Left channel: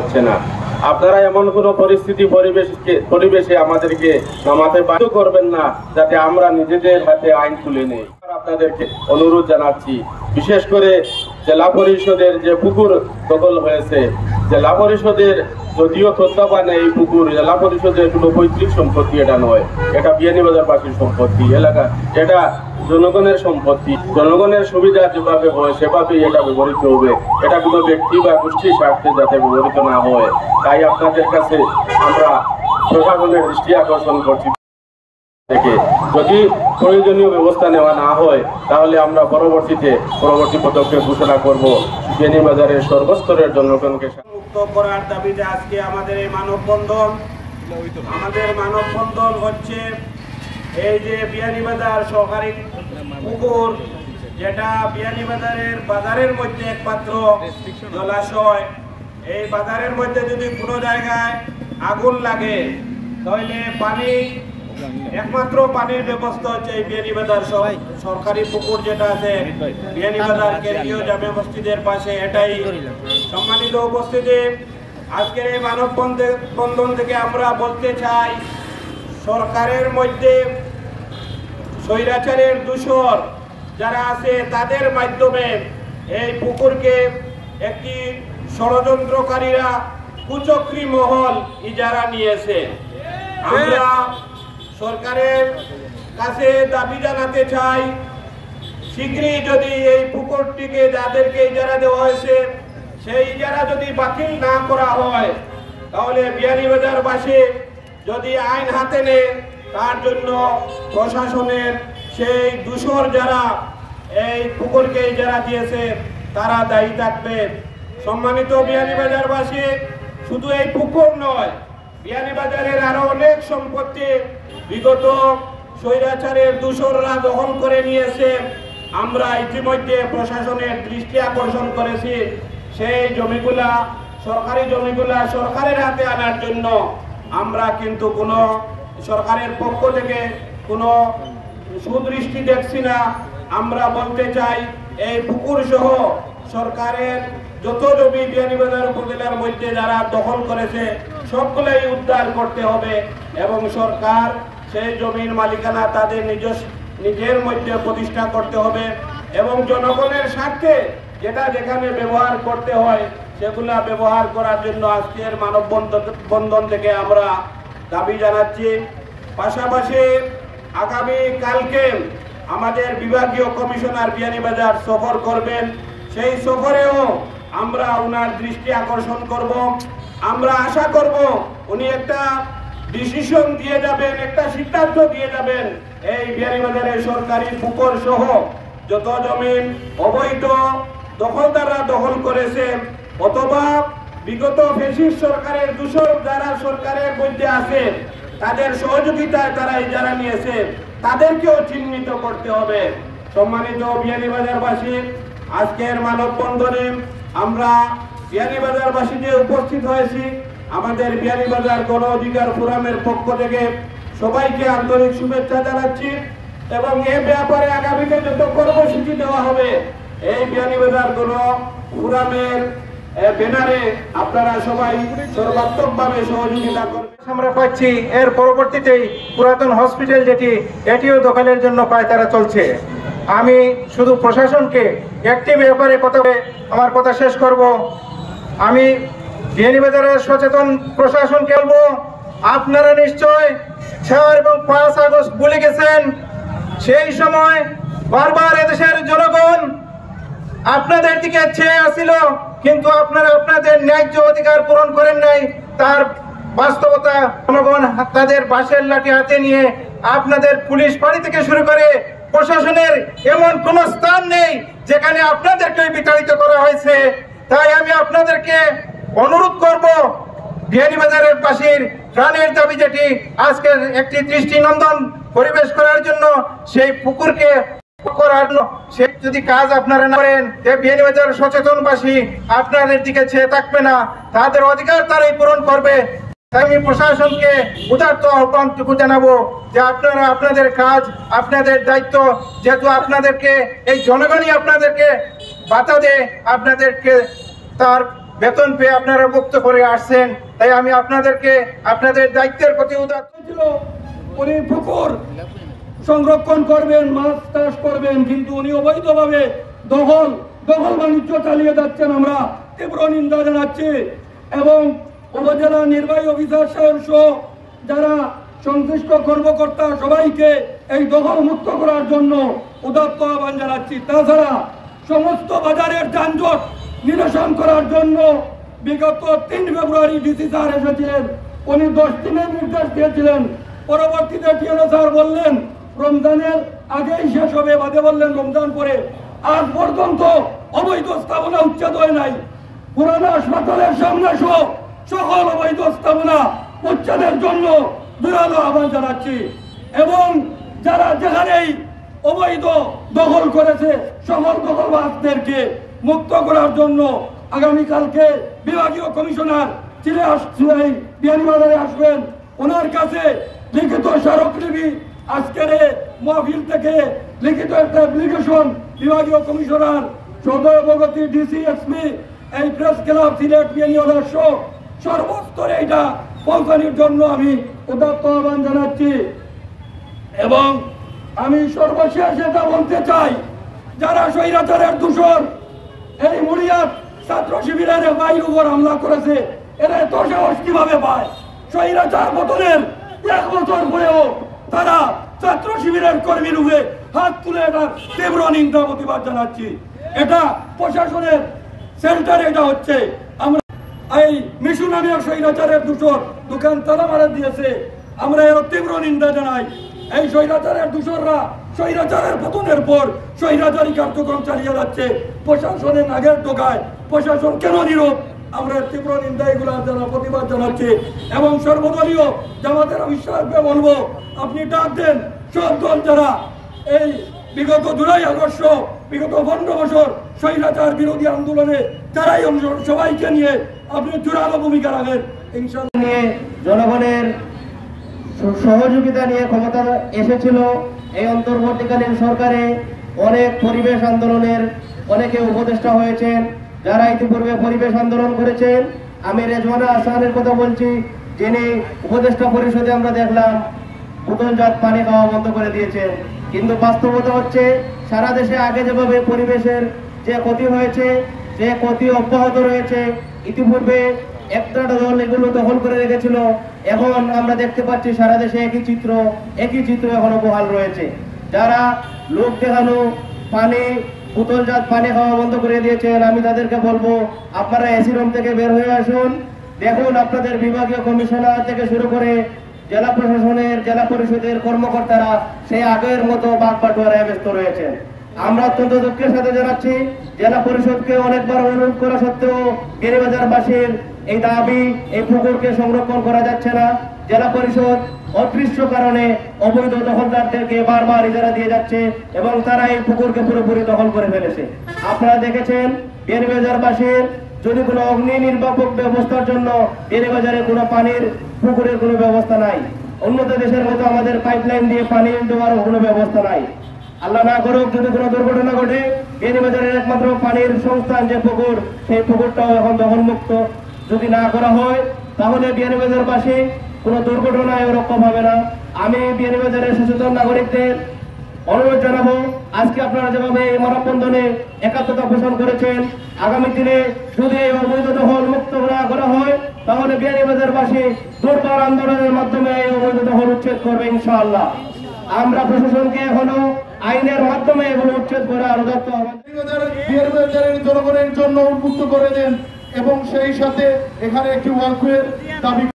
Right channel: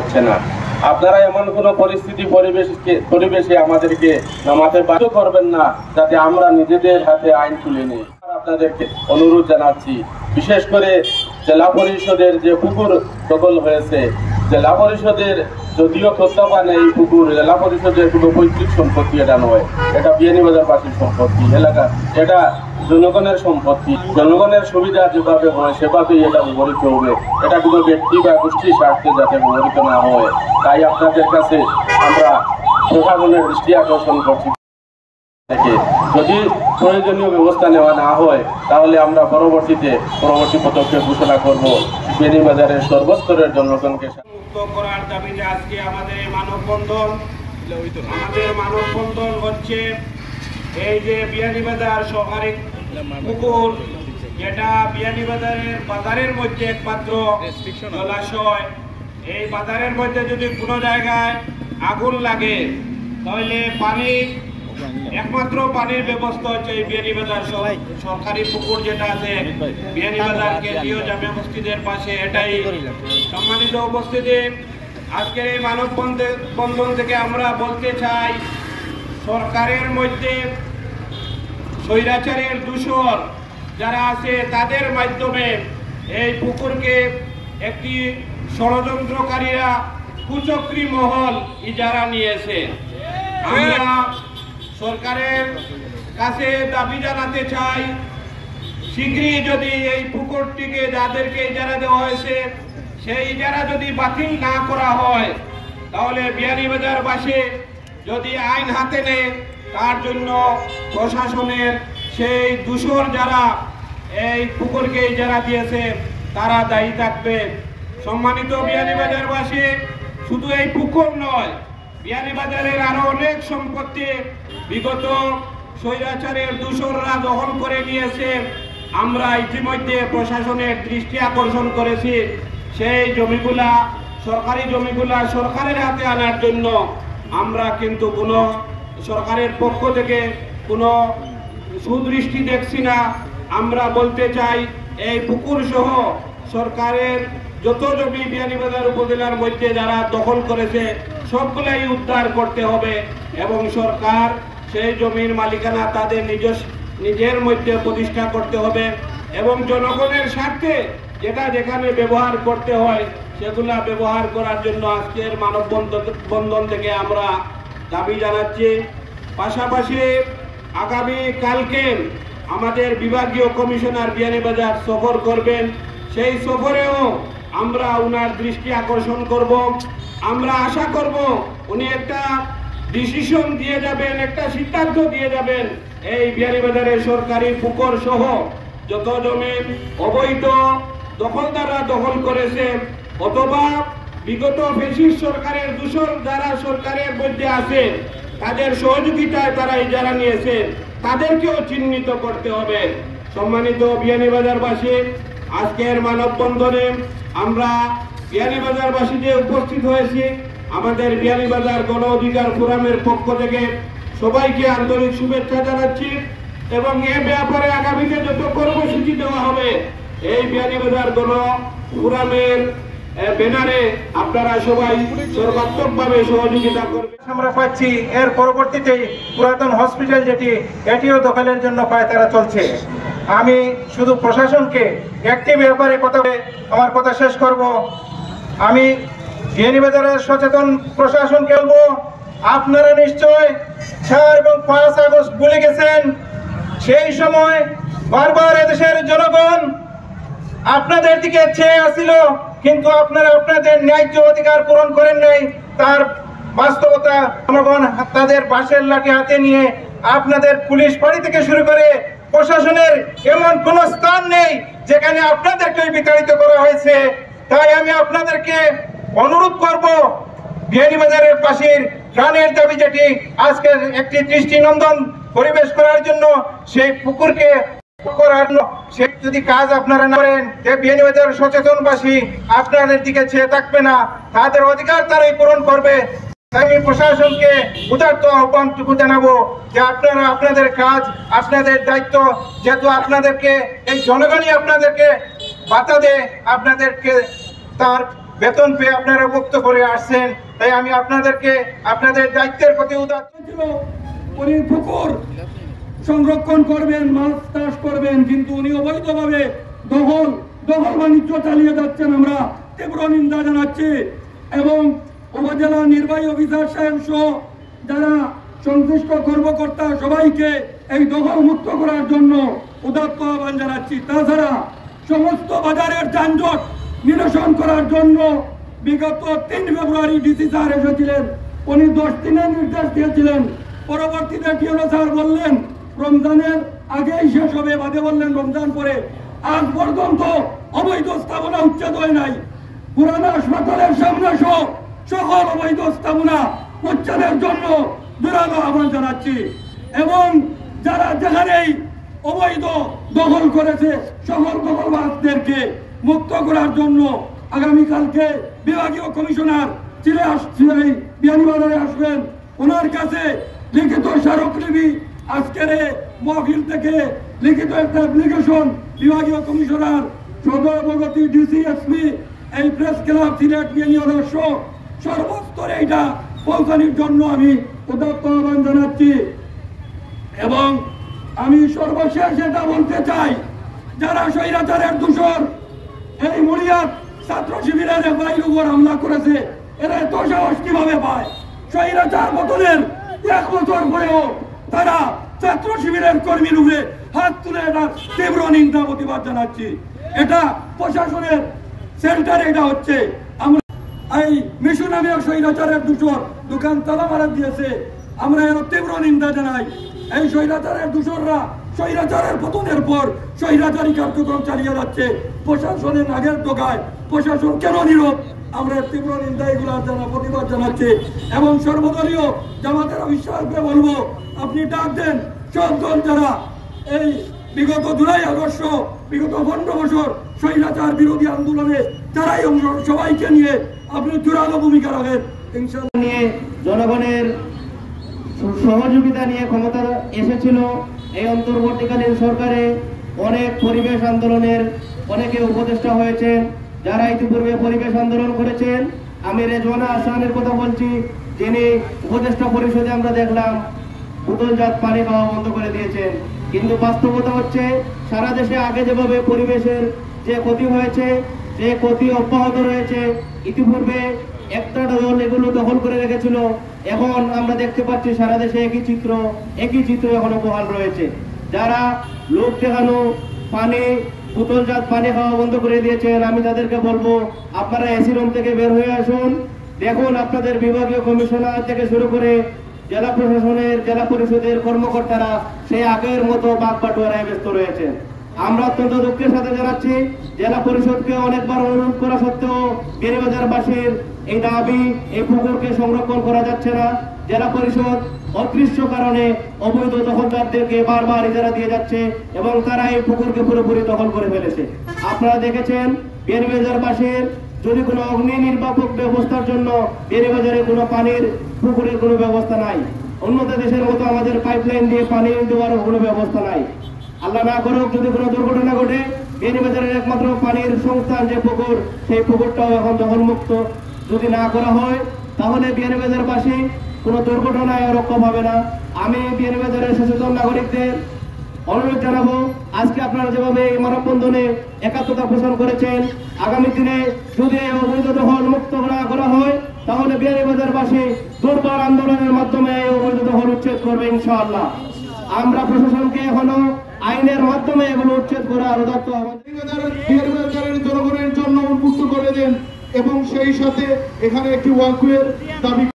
হচ্ছে না। আপনারা এমন কোনো পরিবেশে আমাদেরকে নামাতে বাধ্য করবেন না যাতে আমরা নিজেদের হাতে আইন তুলে নিই। আপনাদেরকে অনুরোধ জানাচ্ছি, বিশেষ করে জেলা পরিষদের যে পুকুর দখল হয়েছে, জেলা পরিষদের যদিও তত্ত্বাবধানে এই পুকুর জেলা পরিষদের কোনো পৈতৃক সম্পত্তি এটা নয়, এটা বিয়ানীবাজারবাসীর সম্পত্তি, এলাকা এটা জনগণের সম্পত্তি। জনগণের সুবিধা যেভাবে হয় সেভাবেই এটা ব্যবহৃত হবে, এটা কোনো ব্যক্তি বা গোষ্ঠীর স্বার্থে যাতে ব্যবহৃত না হয়। তাই আপনাদের কাছে আমরা প্রশাসনের দৃষ্টি আকর্ষণ করছি, যদি প্রয়োজনীয় ব্যবস্থা নেওয়া না হয় তাহলে আমরা পরবর্তী পদক্ষেপ ঘোষণা করব। বিয়ানীবাজারের সর্বস্তরের জনগণকে মুক্ত করার দাবিতে আজকে আমাদের এই মানববন্ধন হচ্ছে এই যে বিয়ানীবাজার সরকারি পুকুর, যেটা বিয়ানীবাজারের বাজারের মধ্যে একমাত্র জলাশয়। এই বাজারের মধ্যে যদি কোনো জায়গায় আগুন লাগে তাহলে একমাত্র পানির ব্যবস্থা হচ্ছে এই বিয়ানীবাজার সরকারি পুকুর যেটা আছে বিয়ানীবাজার কেন্দ্রীয় জামে মসজিদের পাশে। এটাই সম্মানিত উপস্থিতি, আজকের এই মানববন্ধন থেকে আমরা বলতে চাই, সরকারের মধ্যে স্বৈরাচারের দূষর যারা আছে তাদের মাধ্যমে এই পুকুরকে একটি ষড়যন্ত্রকারীরা কুচক্রী মহল ইজারা নিয়েছে। আমরা সরকারের কাছে দাবি জানাতে চাই, শীঘ্রই যদি এই পুকুরটিকে যাদেরকে ইজারা দেওয়া হয়েছে সেই ইজারা যদি বাতিল না করা হয় তাহলে বিয়ানীবাজারবাসী যদি আইন হাতে নেয় তার জন্য প্রশাসনের সেই দূষর যারা এই পুকুরকে ইজারা দিয়েছে তারা দায়ী থাকবে। সম্মানিত বিয়ানীবাজারবাসী, শুধু এই পুকুর নয়, বিয়ানীবাজারের আরো অনেক সম্পত্তি বিগত স্বৈরাচারের দূষররা দখল করে নিয়েছে। আমরা ইতিমধ্যে প্রশাসনের দৃষ্টি আকর্ষণ করেছি, সেই জমিগুলা সরকারি জমিগুলা সরকারের হাতে আনার জন্য আমরা কিন্তু কোনো সরকারের পক্ষ থেকে কোনো সুদৃষ্টি দেখছি না। আমরা বলতে চাই, এই পুকুর সহ সরকারের যত জমি বিয়ানীবাজার উপজেলার মধ্যে যারা দখল করেছে সবগুলাই উদ্ধার করতে হবে এবং সরকার সেই জমির মালিকানা তাদের নিজের মধ্যে প্রতিষ্ঠা করতে হবে এবং জনগণের স্বার্থে যেটা যেখানে ব্যবহার করতে হয় সেগুলা ব্যবহার করার জন্য আজকের মানববন্ধন থেকে আমরা দাবি জানাচ্ছি। পাশাপাশি আগামী কালকে আমাদের বিভাগীয় কমিশনার বিয়ানীবাজার সফর করবেন, সেই সফরেও আমরা উনার দৃষ্টি আকর্ষণ করব। আমরা আশা করব উনি একটা ডিসিশন দিয়ে যাবেন, একটা সিদ্ধান্ত দিয়ে যাবেন, এই বিয়ানীবাজারের সরকারি পুকুর সহ যত জমিন অবৈধ দখলদাররা দখল করেছে অথবা বিগত ফ্যাসিস্ট সরকারের দূষর যারা সরকারের মধ্যে আছে তাদের সহযোগিতায় তারা ইজারা নিয়েছে, তাদেরকেও চিহ্নিত করতে হবে। সম্মানিত বিয়ানীবাজারবাসী, আজকের মানববন্ধনে আমরা বিয়ানীবাজারবাসী যে উপস্থিত হয়েছি, আমাদের বিয়ানীবাজার গণ অধিকার ফোরামের পক্ষ থেকে সবাইকে আন্তরিক শুভেচ্ছা জানাচ্ছি এবং এ ব্যাপারে আগামীতে যত কর্মসূচি দেওয়া হবে এই বিয়ানীবাজার গণ ফোরামের ব্যানারে আপনারা সবাই সর্বাত্মকভাবে সহযোগিতা করবেন। আমরা পাচ্ছি এর পরবর্তীতেই পুরাতন হসপিটাল যেটি এটিও দখলের জন্য পায়তারা চলছে। আমি শুধু প্রশাসনকে একটি ব্যাপারে আমার কথা শেষ করব। আমি বিয়ানীবাজারের সচেতন প্রশাসনকে বলবো, আপনারা নিশ্চয় 4 এবং 5 আগস্ট ভুলে গেছেন। সেই সময় বারবার এদেশের জনগণ আপনাদের দিকে চেয়ে আসছিল, কিন্তু আপনারা আপনাদের ন্যায্য অধিকার পূরণ করেন নাই। তার বাস্তবতা জনগণ তাদের বাঁশের লাঠি হাতে নিয়ে আপনাদের পুলিশ ফাঁড়ি থেকে শুরু করে প্রশাসনের এমন কোন স্থান নেই যেখানে আপনাদেরকে বিতাড়িত করা হয়েছে। তাই আমি আপনাদেরকে অনুরোধ করব, বিয়ানীবাজারের পাশের প্রাণের দাবি যেটি আজকে একটি দৃষ্টিনন্দন পরিবেশ করার জন্য সেই পুকুরকে করার সে যদি কাজ আপনারা না করেন, বিয়ানীবাজার সচেতনবাসী আপনাদের দিকে চেয়ে থাকবে না, তাদের অধিকার তারাই পূরণ করবে। আমি প্রশাসনকে উদারত আহ্বানটুকু জানাবো যে আপনারা আপনাদের কাজ, আপনাদের দায়িত্ব, যেহেতু আপনাদেরকে এই জনগণই আপনাদেরকে বাধা দেয়, আপনাদেরকে তার বেতন পেয়ে আপনারা মুক্ত করে আসছেন। তাই আমি আপনাদেরকে আপনাদের দায়িত্বের প্রতি উনি পুকুর সংরক্ষণ করবেন, মাছ চাষ করবেন, কিন্তু উনি অবৈধভাবে দখল বাণিজ্য চালিয়ে যাচ্ছেন। আমরা তীব্র নিন্দা জানাচ্ছি এবং উপজেলা নির্বাহী অফিসার সাহেব সহ যারা সংশ্লিষ্ট কর্মকর্তা সবাইকে এই দখল মুক্ত করার জন্য উদাত্ত আহ্বান জানাচ্ছি। তাছাড়া সমস্ত বাজারের যানজট নিরসন করার জন্য বিগত 3 ফেব্রুয়ারি ডিসি স্যার এসেছিলেন। উনি 10 দিনের নির্দেশ দিয়েছিলেন। পরবর্তীতে টিএনও স্যার বললেন রমজানের আগেই শেষ হবে, বাদে বললেন রমজান পরে। আজ পর্যন্ত অবৈধ স্থাপনা উচ্ছেদ হয় নাই। পুরানো হাসপাতালের সামনে সহ সকল অবৈধ স্থাপনা উচ্ছেদের জন্য জোরালো আহ্বান জানাচ্ছি এবং যারা যেখানেই অবৈধ দখল করেছে সকল দখলবাজদেরকে মুক্ত করার জন্য আগামীকালকে বিভাগীয় কমিশনার বিয়ানীবাজারে আসবেন। ওনার কাছে লিখিত স্মারকলিপি আজকের মাহফিল থেকে লিখিত একটা অ্যাপ্লিকেশন বিভাগীয় কমিশনার সদর অবগতি ডিসি এসপি এই প্রেস ক্লাব সিলেট বিয়ানীবাজার সহ সর্বস্তরে এটা পৌঁছানোর জন্য আমি উদাত্ত আহ্বান জানাচ্ছি। এবং আমি সর্বশেষ এটা বলতে চাই, যারা স্বৈরাচারের দূষণ এই মুড়িয়ার ছাত্র শিবিরের বাইর উপর হামলা করেছে, এরা এত সাহস কিভাবে পায়? স্বৈরাচার পতনের 1 বছর পরেও তারা ছাত্র শিবিরের কর্মীর উপরে হাত তুলে এটা তীব্র নিন্দা প্রতিবাদ জানাচ্ছি। এটা প্রশাসনের সেন্টারে এটা হচ্ছে। আমরা এই মিশু নামে স্বৈরাচারের দূষণ দোকান তালা মারা দিয়েছে, আমরা এর তীব্র নিন্দা জানাই। এই স্বৈরাচারের দূষণরা স্বৈরাচারের পতনের পর স্বৈরাচারী কার্যক্রম চালিয়ে যাচ্ছে। প্রশাসনের নাগের টোকায় প্রশাসন কেন নীরব? আমরা তীব্র নিন্দা এগুলা প্রতিবাদ জানাচ্ছি এবং সর্বদলীয় জামাতের বিশ্বাসকে বলবো, আপনি ডাক দেন সব দল যারা এই বিগত 2 আগস্ট বিগত 15 বছর স্বৈরাচার বিরোধী আন্দোলনে যারাই সবাইকে নিয়ে আপনি জোরালো ভূমিকা রাখেন। ইনশাআল্লাহ নিয়ে জনগণের সহযোগিতা নিয়ে ক্ষমতা এসেছিল এই অন্তর্বর্তীকালীন সরকারে। অনেক পরিবেশ আন্দোলনের অনেকে উপদেষ্টা হয়েছেন, যারা ইতিপূর্বে পরিবেশ আন্দোলন করেছেন। আমি রেজওয়ানা আহসানের কথা বলছি, যিনি উপদেষ্টা পরিষদে আমরা দেখলাম বোতলজাত পানি খাওয়া বন্ধ করে দিয়েছেন। কিন্তু বাস্তবতা হচ্ছে সারা দেশে আগে যেভাবে পরিবেশের যে ক্ষতি হয়েছে সে ক্ষতি অব্যাহত রয়েছে। ইতিপূর্বে একটা দল এগুলো দখল করে রেখেছিল, এখন আমরা দেখতে পাচ্ছি সারা দেশে একই চিত্র এখনো বহাল রয়েছে। যারা লোক দেখানো পানি বোতলজাত পানি খাওয়া বন্ধ করে দিয়েছেন, আমি তাদেরকে বলবো আপনারা এসি রুম থেকে বের হয়ে আসুন। দেখুন আপনাদের বিভাগীয় কমিশনার থেকে শুরু করে জেলা প্রশাসনের জেলা পরিষদের কর্মকর্তারা সেই আগের মতো বাঘ বাটোয়ারায় ব্যস্ত রয়েছেন। আমরা অত্যন্ত দুঃখের সাথে জানাচ্ছি, জেলা পরিষদকে অনেকবার অনুরোধ করা সত্ত্বেও বিয়ানীবাজারবাসীর এই দাবি, এই পুকুরকে সংরক্ষণ করা যাচ্ছে না। জেলা পরিষদ অদৃশ্য কারণে অবৈধ দখলদারদেরকে বারবার ইজারা দিয়ে যাচ্ছে এবং তারা এই পুকুরকে পুরোপুরি দখল করে ফেলেছে। আপনারা দেখেছেন বিয়ানীবাজারবাসীর যদি কোনো অগ্নি নির্বাপক ব্যবস্থার জন্য বিয়ানীবাজারে কোনো পানির পুকুরের কোনো ব্যবস্থা নাই। উন্নত দেশের মতো আমাদের পাইপলাইন দিয়ে পানি দেওয়ার কোনো ব্যবস্থা নাই। আল্লাহ না করুক যদি কোনো দুর্ঘটনা ঘটে, বিয়ানীবাজারের একমাত্র পানির সংস্থান যে পুকুর, সেই পুকুরটাও এখন দখলমুক্ত যদি না করা হয়, তাহলে বিয়ানীবাজারবাসী কোনো দুর্ঘটনায় রক্ষম হবে না। আমি বিয়ানীবাজারের সচেতন নাগরিকদের অনুরোধ জানাবো, আজকে আপনারা যেভাবে এই মানববন্ধনে একাত্মতা পোষণ করেছেন, আগামী দিনে যদি অবৈধ দখল মুক্ত না করা হয়, তাহলে বিয়ানীবাজারবাসী দুর্বার আন্দোলনের মাধ্যমে এই অবৈধ দখল উচ্ছেদ করবে ইনশাআল্লাহ। আমরা প্রশাসনকে এখনো আইনের মাধ্যমে এগুলো উচ্ছেদ করে আরো বিয়ানীবাজারের জনগণের জন্য উন্মুক্ত করে দেন এবং সেই সাথে এখানে একটি ওয়াকওয়ের দাবি